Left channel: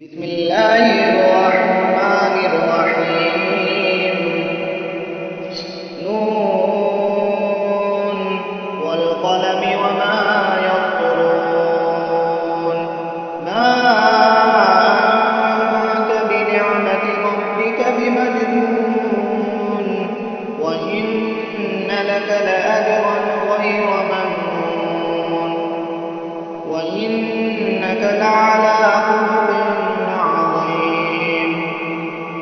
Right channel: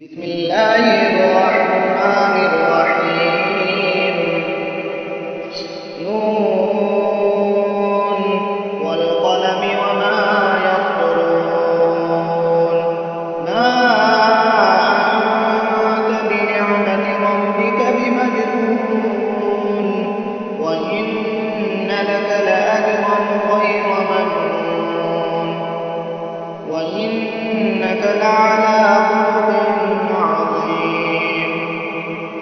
بسم الله الرحمن الرحيم نون والقلم وما يسطرون ما أنت بنعمة ربك بمجنون وإن لك لأجرا غير ممنون وإنك لعلى خلق عظيم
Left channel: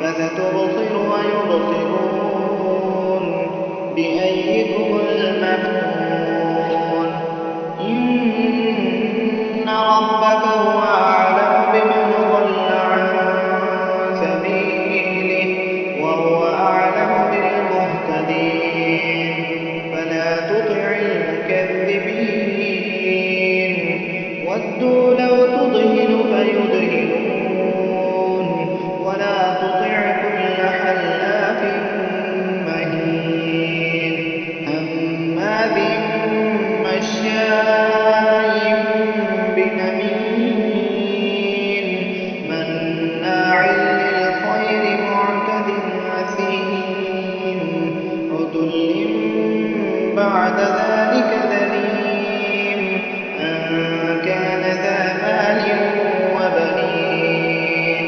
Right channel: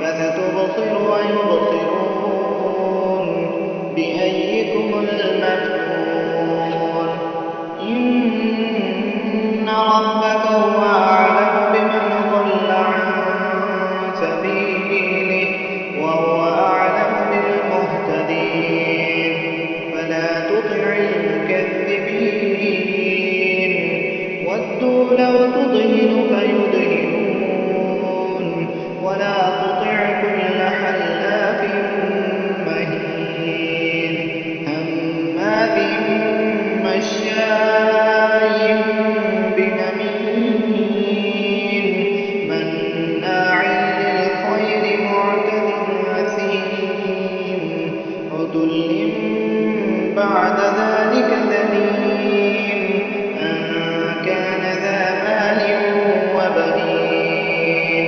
فستبصر ويبصرون بأيكم المفتون إن ربك هو أعلم بمن ضل عن سبيله وهو أعلم بالمهتدين فلا تطع المكذبين ودوا لو تضهن فيدهنون ولا تطع كل حلاف مهين هماز مشاء بنميم مناع للخير معتد أثيم عتل بعد ذلك ذليم أن كان ذا مال وبنين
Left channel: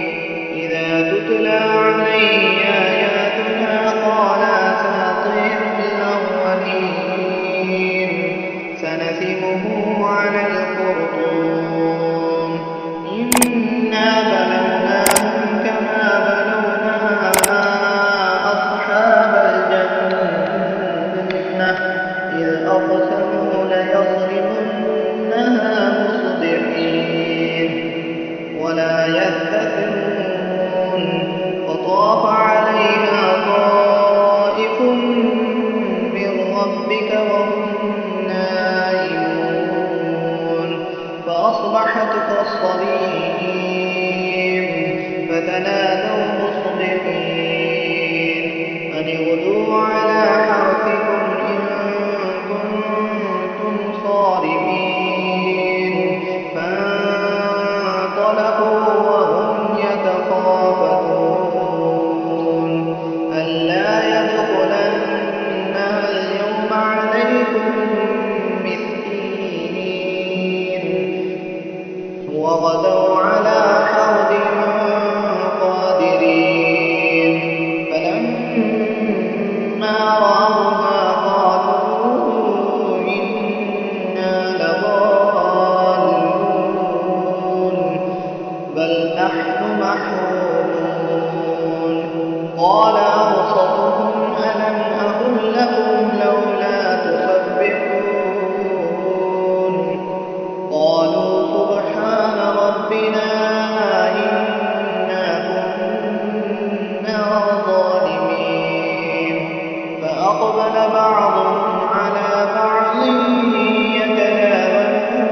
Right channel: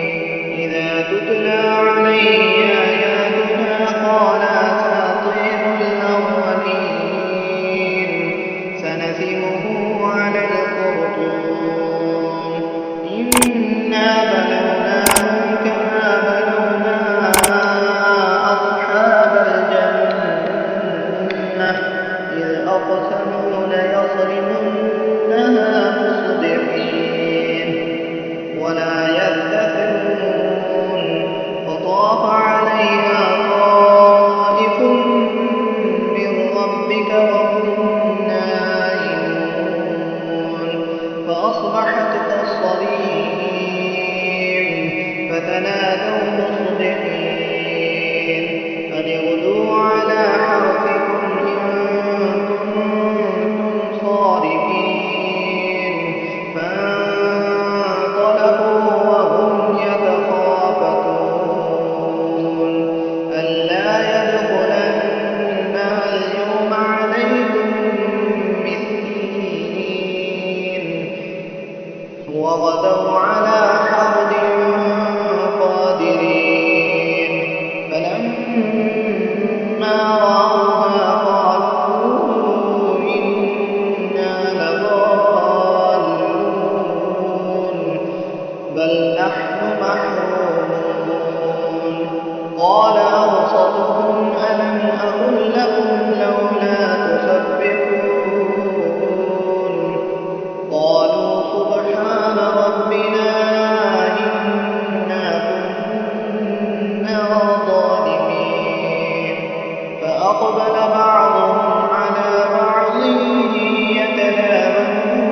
إذا تتلى عليه آياتنا قال أساطير الأولين سنسمه على الخرطوم إنا بلوناهم كما بلونا أصحاب الجنة إذ أقسموا ليصرمنها مصبحين ولا يستثنون فطاف عليها طائف من ربك وهم نائمون فأصبحت كالصريم فتنادوا مصبحين أن اغدوا على حرثكم إن كنتم صارمين فانطلقوا وهم يتخافتون ألا يدخلنها اليوم عليكم مسكين وغدوا على حرد قادرين فلما رأوها قالوا إنا لضالون بل نحن محرومون قال أوسطهم ألم أقل لكم لولا تسبحون قالوا سبحان ربنا إنا كنا ظالمين فأقبل بعضهم على بعض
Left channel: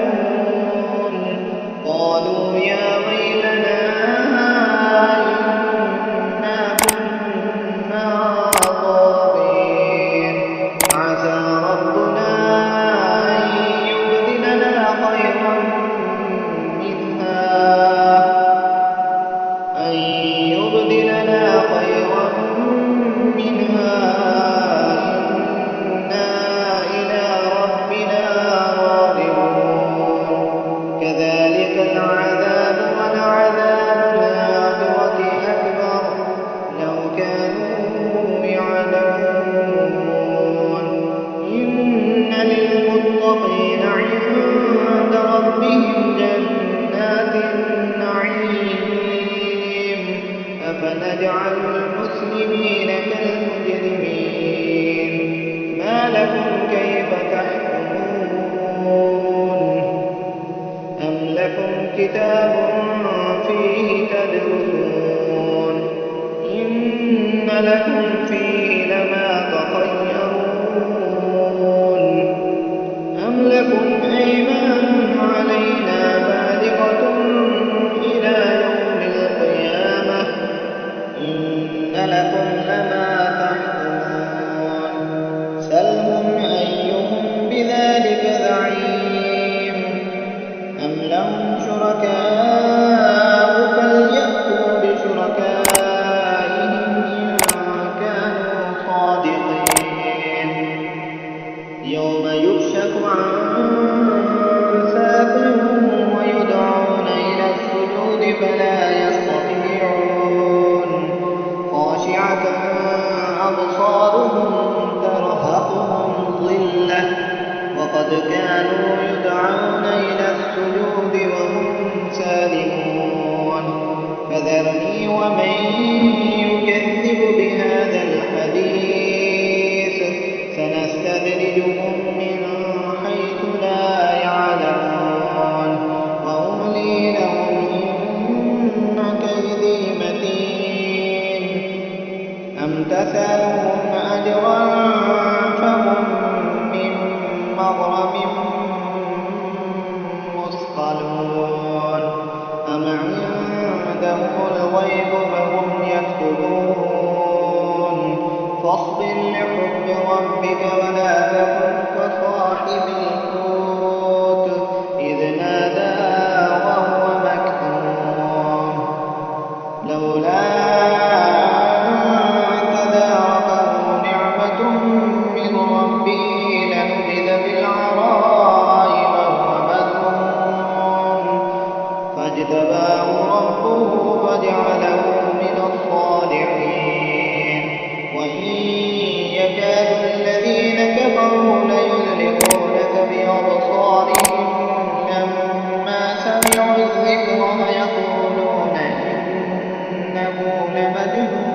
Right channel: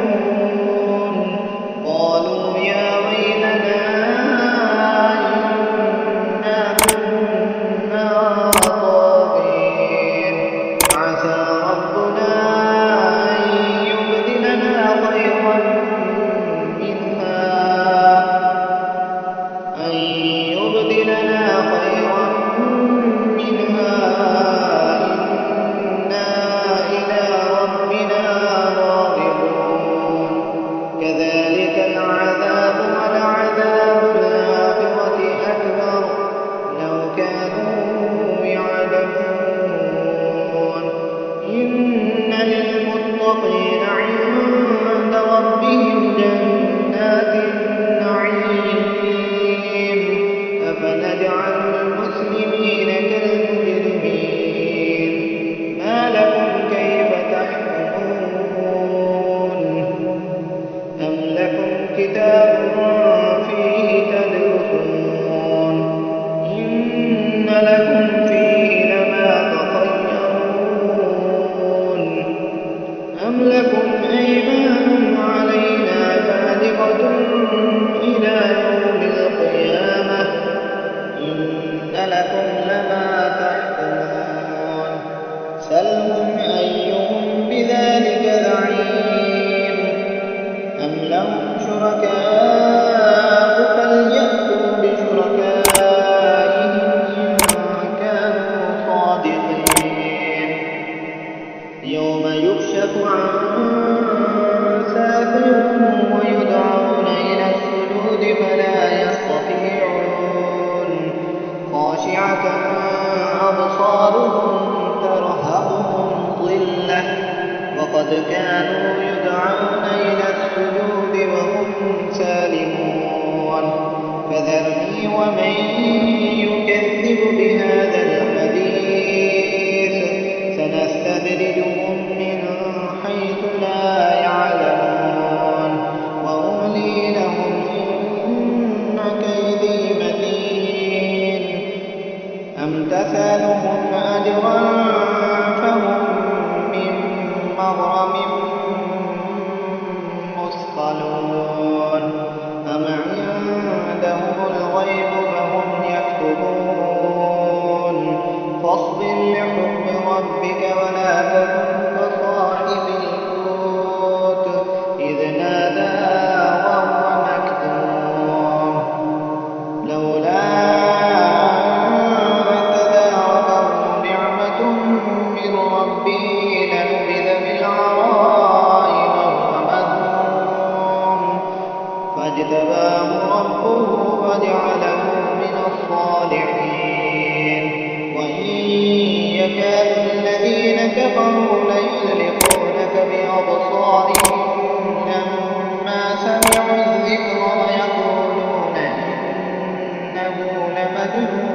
يتلاومون قالوا يا ويلنا إنا كنا طاغين عسى ربنا أن يبدلنا خيرا منها إنا إلى ربنا راغبون كذلك العذاب ولعذاب الآخرة أكبر لو كانوا يعلمون إن للمتقين عند ربهم جنات النعيم أفنجعل المسلمين كالمجرمين ما لكم كيف تحكمون أم لكم كتاب فيه تدرسون إن لكم فيه لما تخيرون أم لكم أيمان علينا بالغة إلى يوم القيامة إن لكم لما تحكمون سلهم أيهم بذلك زعيم أم لهم شركاء فليأتوا فلا يستطيعون خاشعة أبصارهم ترهقهم ظلة وقد كانوا يدعون إلى السجود وهم سالمون فذرني ومن يكذب بهذا الحديث سنستدرجهم من حيث لا يعلمون وأملي لهم إن كيدي متين أم تسألهم أجرا فهم من مغرم مثقلون أم عندهم الغيب فهم يكتبون فاصبر لحكم ربك ولا تكن كصاحب الحوت إذ نادى وهو مكظوم لولا أن تداركه نعمة من ربه لنبذ بالعراء وهو مذموم فاجتباه ربه فجعله من الصالحين وإن يكاد الذين كفروا ليزلقونك بأبصارهم لما سمعوا الذكر ويقولون إنه لمجنون